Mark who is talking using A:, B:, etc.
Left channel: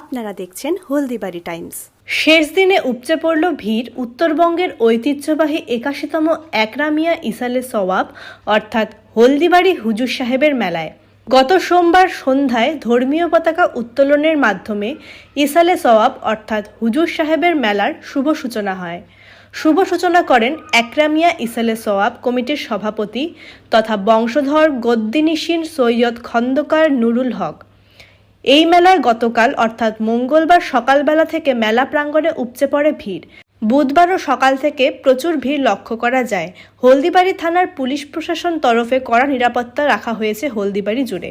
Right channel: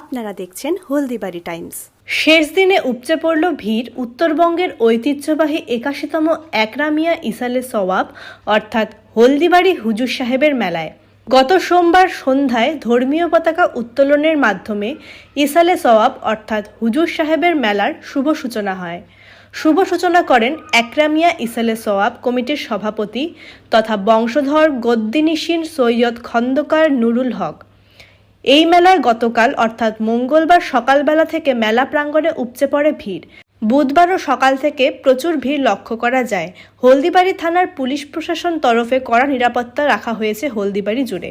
A: আপনারা দেখছেন হলদিবাড়ি টাইমস।
B: শেষ দিনে উপচে পড়ল ভিড় উত্তরবঙ্গের ঐতিহ্যবাহী একাশিতম একরামিয়া ইসালে সওয়াব, অর্থাৎ হলদিবাড়ি হুজুর সাহেবের মেলায়। গত সোমবার সন্ধ্যায় ধর্মীয় পতাকা উত্তোলনের মাধ্যমে ইসালে সওয়াব, অর্থাৎ হুজুর সাহেবের মেলার শুভ সূচনা হয়। শুভ সূচনা করেন একরামিয়া ইসালে সওয়াব কমিটির সভাপতি তথা বংশধর গদ্দিনিসীন সৈয়দ খন্দকার নুরুল হক। এই মেলায় গতকাল, অর্থাৎ মঙ্গলবার সকালবেলা থেকে মেলা প্রাঙ্গণে উপচে পড়ে ভিড়। বুধবারও সকাল থেকে প্রচুর ভিড় লক্ষ্য করা যায়। হলদিবাড়ি থানার পুলিশ প্রশাসন তরফে কড়া নিরাপত্তা রাখা হয়েছে হলদিবাড়ি জুড়ে।